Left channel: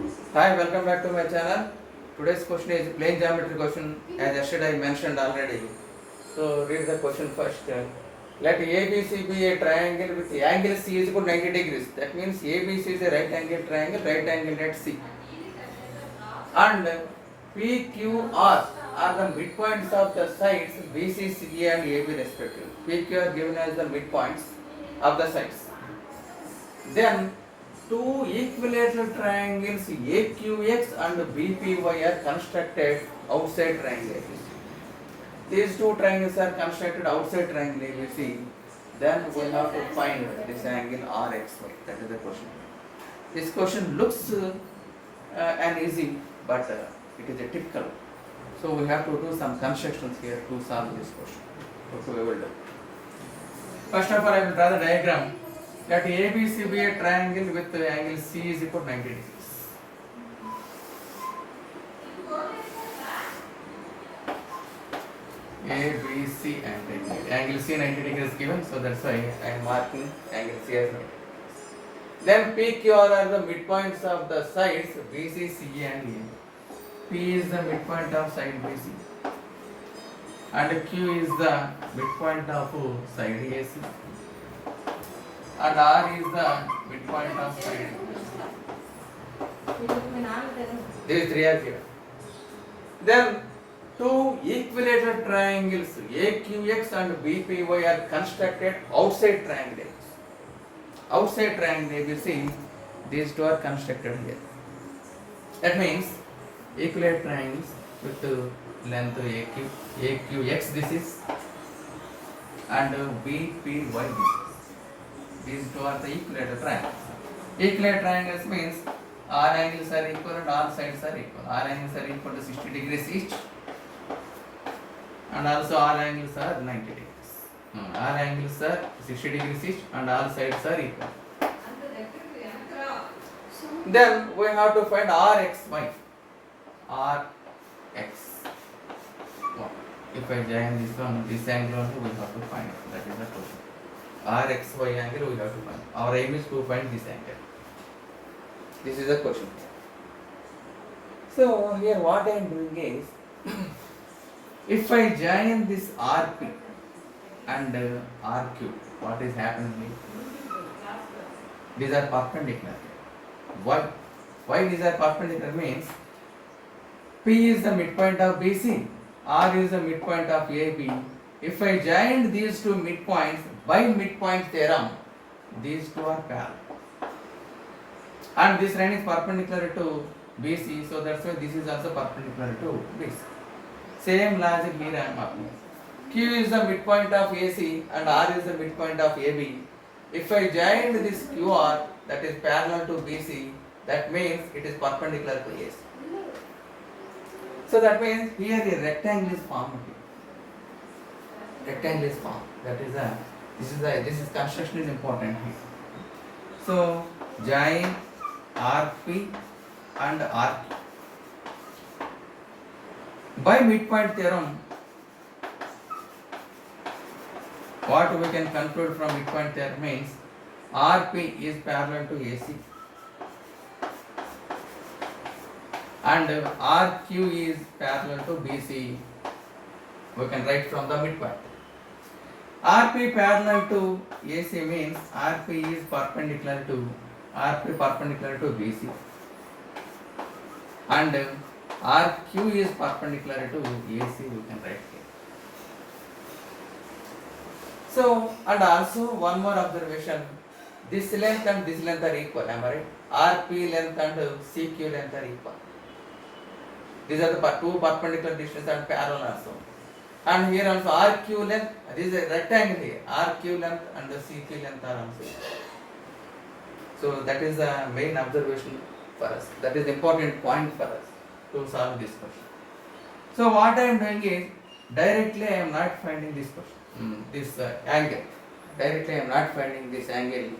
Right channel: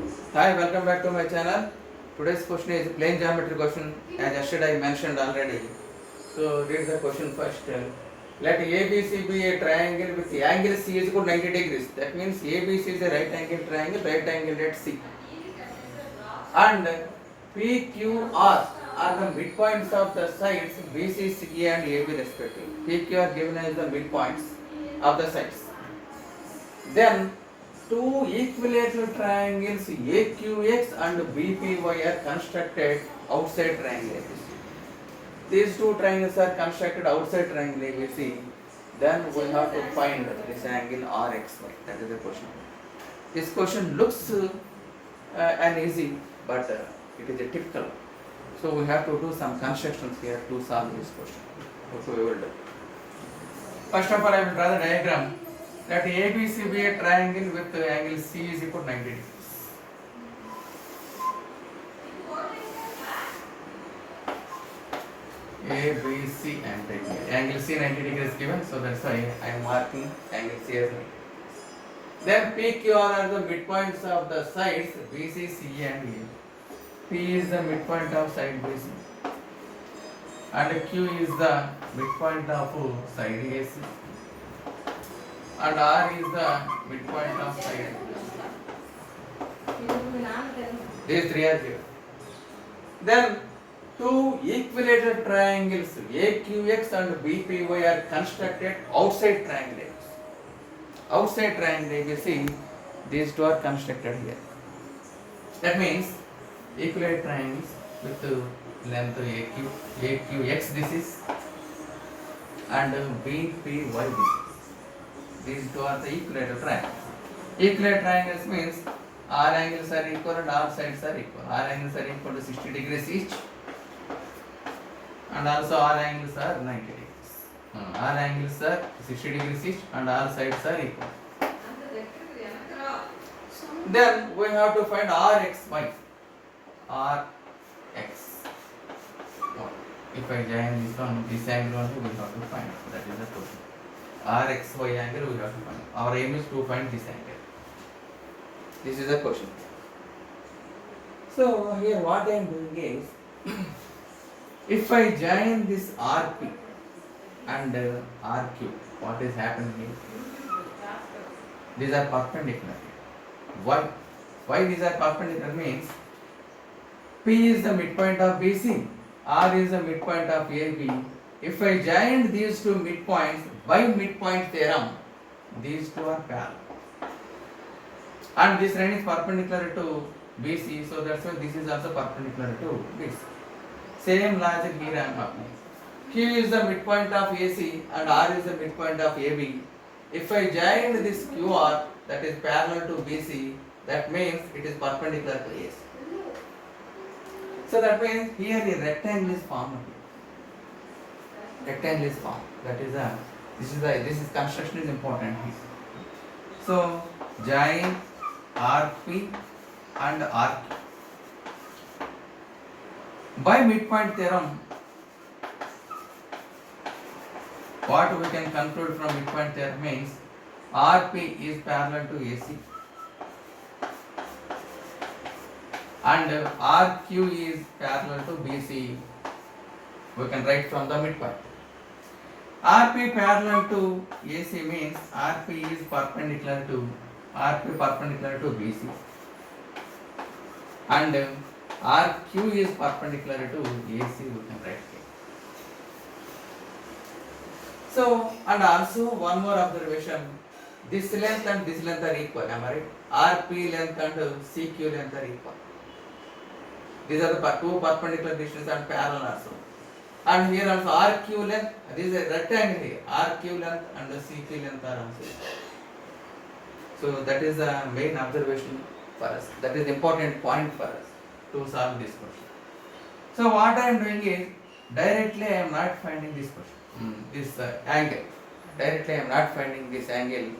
Hi, welcome back to my channel. Today's question is plane geometry question, as yesterday I mentioned already. So read the question first. Let ABC be a triangle with angle C is equal to 90 degrees. That means ABC is a right angle triangle, right angle at C. And PQR are the midpoints of the sides BC, CE and AB respectively. PQ are given as the midpoints of the sides. Then two equilateral triangles AQX and BPY are constructed outside triangle ABC. These two triangles are constructed outside triangle ABC. Then we have to find this angle RXY. That is the question. This question looks an easy, but it is a typical. So we have to do some constructions here to solve this question. So we will do. First of all, I will draw the diagram. Let ABC be a triangle with angle C is equal to 90 degrees. ABC and angle C 90 degrees given, so that's why I am marking angle C as 90 degrees. Then PQR are the midpoints of the sides BC, CE and A. P is the midpoint of side BC and Q is the midpoint of side AC and R is the midpoint of side. These three are given. Then two equilateral triangles AQX and BPY are constructed outside triangle ABC. Outside triangle ABC, these two are constructed here. That means equilateral triangles with length AQX this is and BPY this is. These two are the equilateral triangles. Equilateral triangles means all angles are equal and all sides are equal. All angles are equal to 60 degrees each and also all angles are 90 degrees. All angles are 60 degrees each and all sides are equal. Then we have to find RXY. RX. If I join this one, this angle only we have to find. That is the question. RXY angle we have to find. Our aim is to find this angle. This is the question. So here what I am doing is, if I join this RP and RQ, what is happening here? These are perpendicular. Why these are perpendicular means P is the midpoint of BC, R is the midpoint of AB. If I join these two midpoints by midpoint theorem, these two are parallel. And this line is perpendicular to BC, so that's why this is also perpendicular to BC. Same logic here I am applying. Q is the midpoint of AC and R is the midpoint of AB. If I join this QR that is parallel to BC, that means it is perpendicular to AC. So that means here a rectangle is formed. Rectangle is formed. That is this is construction is important here. So join RP and RQ. By midpoint theorem, what we can conclude from midpoint theorem means RP is parallel to AC and RQ is parallel to BC. We can write from the midpoint. RP parallel to AC means RP is perpendicular to BC and RQ is perpendicular to AC, we can write here. So, and also one more observation, this length and this length are equal, am I right? RP length and CQ length are equal. These are the two perpendicular distances and parallel also. And here also RQ length, this is a rectangle here, RQ length and the CQ length are also equal. So that is the main observation for us. That is the important point for us to solve this question. So what I am doing is, directly I am not finding this question, this angle. Directly I am not finding this angle.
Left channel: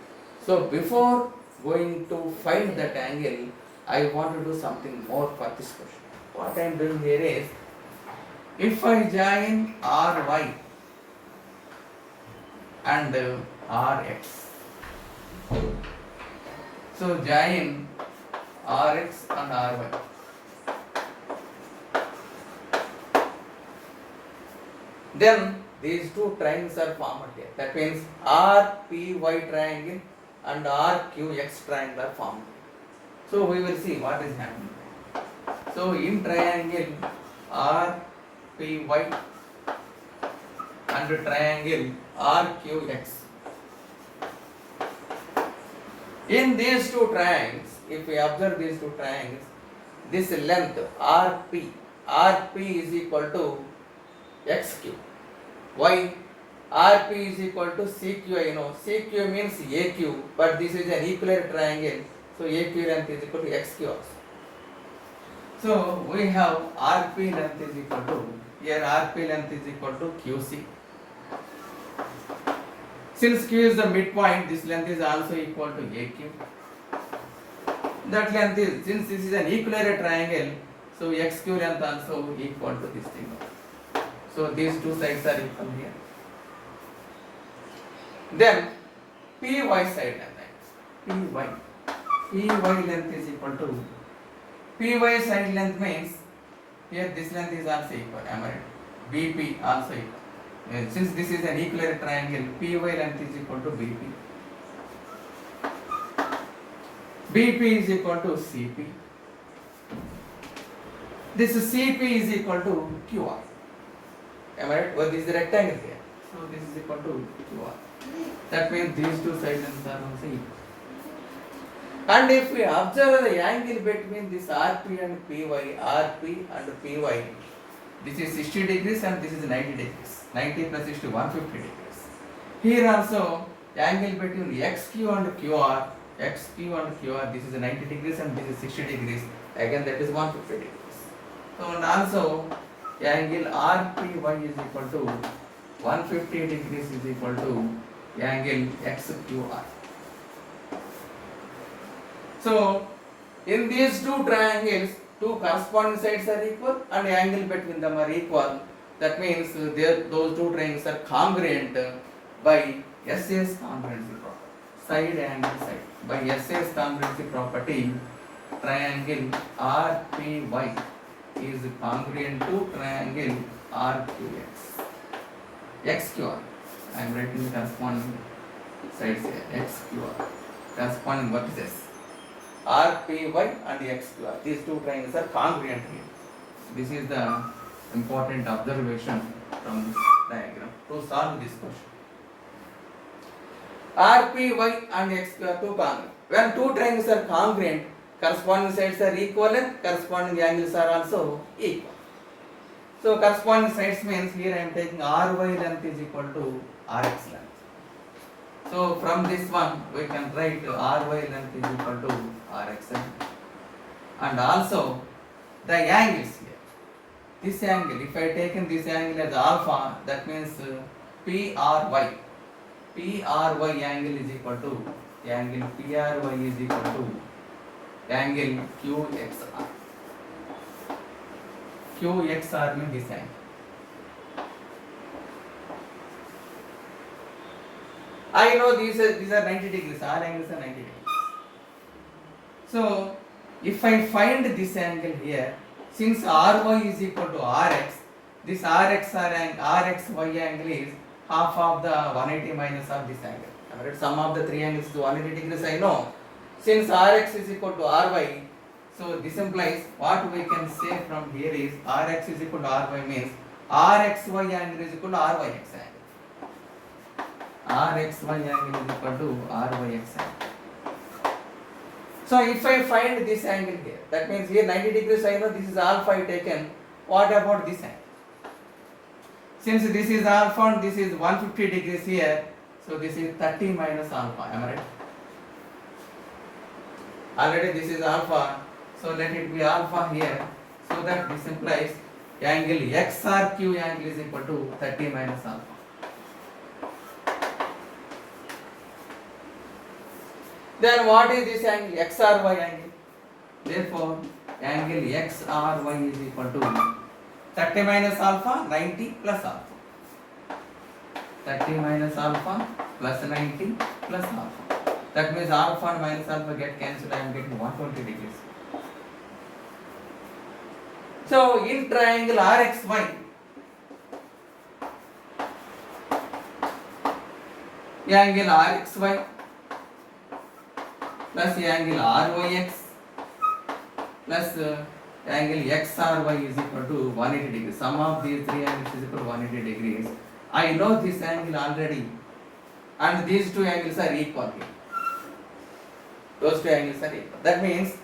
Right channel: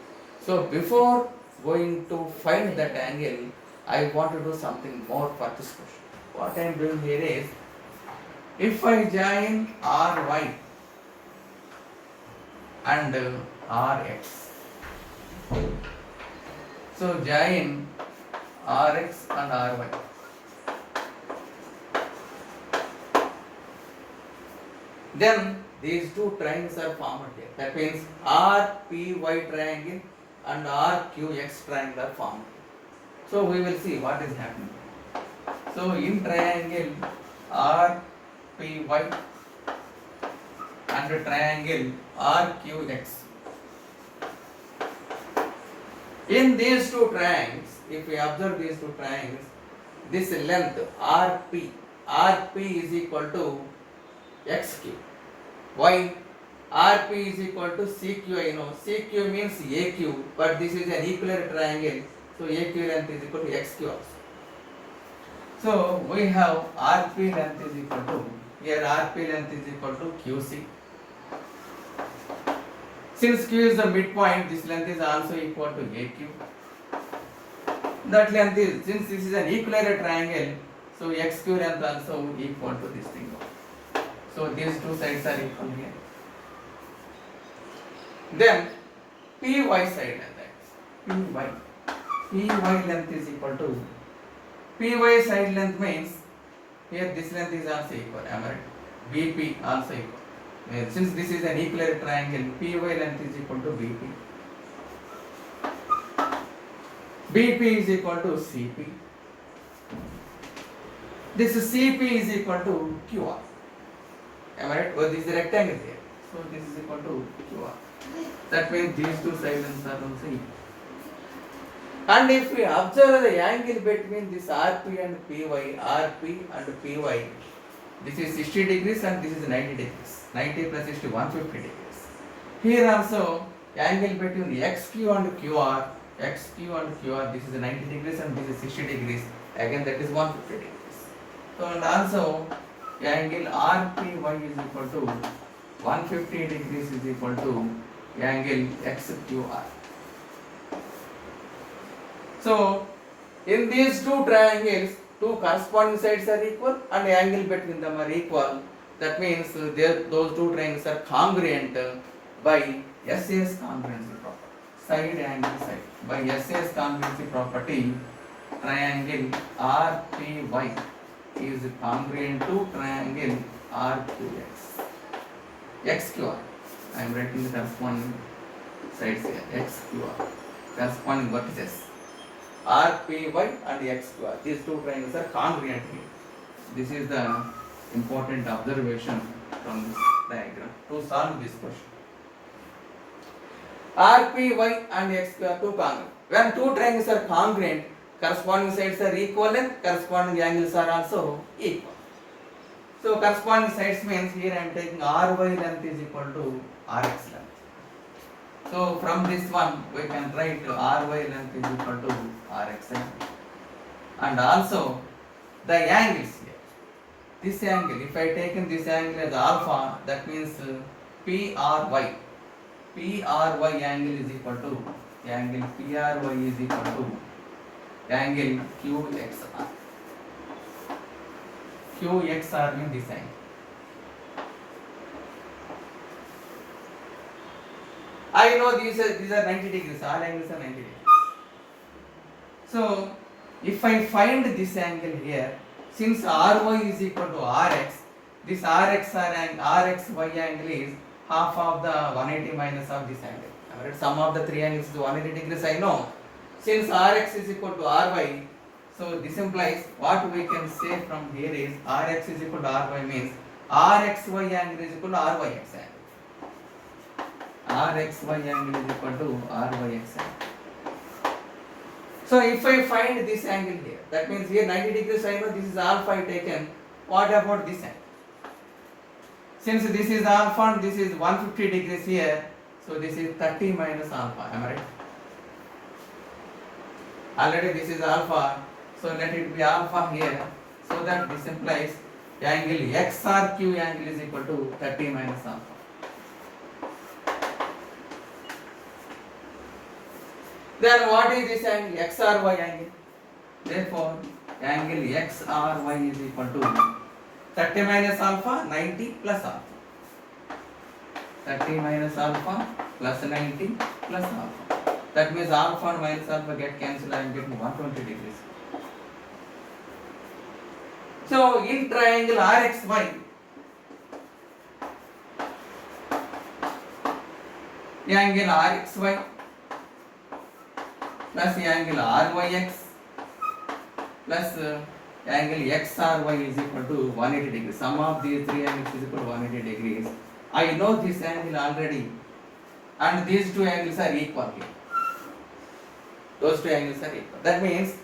So before going to find that angle, I want to do something more for this question. What I am doing here is, if I join RY and RX, so join Rx and Ry. Then these two triangles are formed here. That means RPY triangle and RQX triangle are formed. So we will see what is happening. So in triangle RPY and triangle RQX. In these two triangles, if we observe these two triangles, this length RP is equal to XQ. Why? RP is equal to CQ. You know, CQ means AQ, but this is an equilateral triangle, so AQ length is equal to XQ also. So we have RP length is equal to, here RP length is equal to QC. Since Q is the midpoint, this length is also equal to AQ. That length is, since this is an equilateral triangle, so XQ length also equal to this thing. So these two sides are equal here. Then PY side length, PY length is equal to, PY side length means, here this length is also equal, am I right? BP also equal. Since this is an equilateral triangle, PY length is equal to BP. BP is equal to CP. This CP is equal to QR. Am I right? Well, this is a rectangle here. So this is equal to QR. That means these two side lengths are also equal. And if we observe the angle between this RP and PY, RP and PY, this is 60 degrees and this is 90 degrees. 90 plus 60, 150 degrees. Here also, angle between XQ and QR, this is 90 degrees and this is 60 degrees. Again, that is 150 degrees. So, and also, angle RPY is equal to 150 degrees is equal to angle XQR. So, in these two triangles, two corresponding sides are equal and the angle between them are equal. That means those two triangles are congruent by SAS congruency property. Side and side. By SAS congruency property, triangle RPY is congruent to triangle RQX. XQR. I am writing the corresponding sides here. XQR. Corresponding vertices. RPY and XQR. These two triangles are congruent here. This is the important observation from this diagram to solve this question. RPY and XQR two congruent. When two triangles are congruent, corresponding sides are equal and corresponding angles are also equal. So corresponding sides means here I am taking RY length is equal to RX length. So from this one we can write RY length is equal to RX length. And also the angles here. This angle, if I taken this angle as alpha, that means PRY. PRY angle is equal to angle PRY is equal to angle QXR. QXR means this angle. I know these are 90 degrees, all angles are 90 degrees. So if I find this angle here, since RY is equal to RX, this RXY angle is half of the 180 minus of this angle. Right? Sum of the three angles is 180 degrees, I know. Since Rx is equal to Ry, so this implies what we can say from here is Rx is equal to Ry means Rxy angle is equal to Ryx angle. Rxy angle is equal to Ryx angle. So if I find this angle here, that means here 90 degrees I know this is alpha I taken. What about this angle? Since this is alpha and this is 150 degrees here, so this is 30 minus alpha, am I right? Already this is alpha, so let it be alpha here, so that this implies angle XRQ angle is equal to 30 minus alpha. Then what is this angle? XRY angle. Therefore, angle XRY is equal to 30 minus alpha, 90 plus alpha. 30 minus alpha plus 90 plus alpha. That means alpha and minus alpha get cancelled. I am getting 120 degrees. So in triangle RXY, angle RXY plus angle RYX plus angle XRY is equal to 180 degrees. Sum of these three angles is equal to 180 degrees. I know this angle already, and these two angles are equal here. Those two angles are equal. That means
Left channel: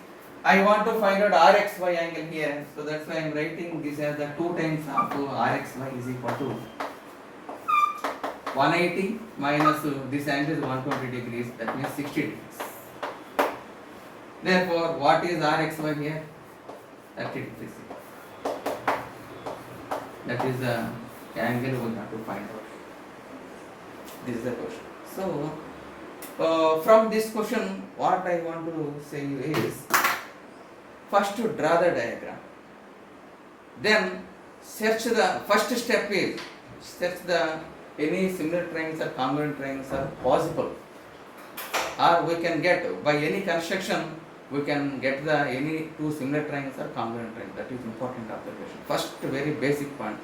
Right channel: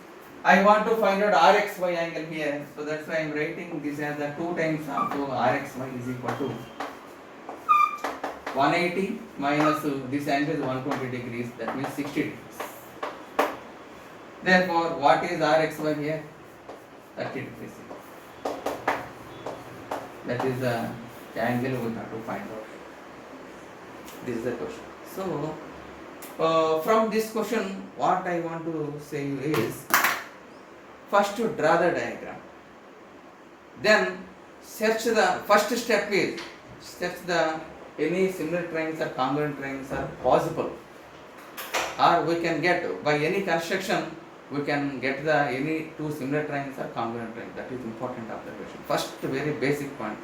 I want to find out RXY angle here. So that's why I am writing this as the 2 times of RXY is equal to 180 minus this angle is 120 degrees. That means 60 degrees. Therefore, what is RXY here? 30 degrees. That is the angle we have to find out. This is the question. So, from this question, what I want to say is, first to draw the diagram. Then search the first step is search the any similar triangles or congruent triangles are possible, or we can get by any construction. We can get the any two similar triangles or congruent triangles. That is important observation. First, very basic point.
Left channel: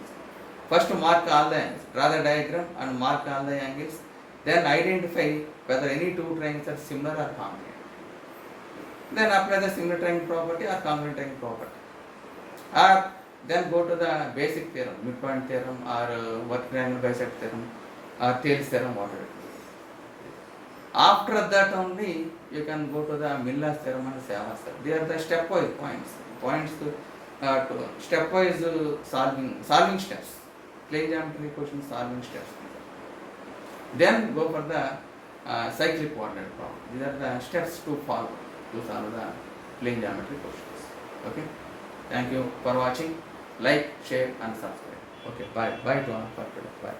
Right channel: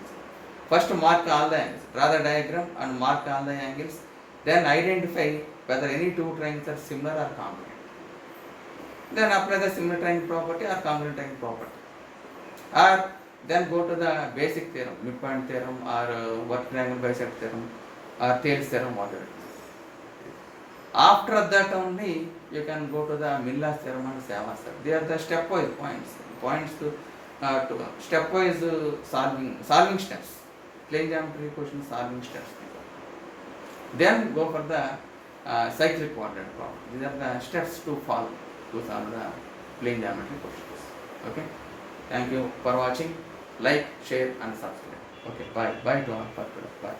First, mark all the angles. Draw the diagram and mark all the angles. Then identify whether any two triangles are similar or congruent. Then apply the similar triangle property or congruent triangle property. Or then go to the basic theorem, midpoint theorem, or what triangle bisect theorem, or Thales theorem, whatever. After that only you can go to the Miller's theorem and Savas theorem. They are the stepwise points. Points to stepwise solving steps. Plane geometry question solving steps. Then go for the cyclic coordinate problem. These are the steps to follow to solve the plane geometry questions. Okay. Thank you for watching. Like, share and subscribe. Okay. Bye. Bye to all. Bye.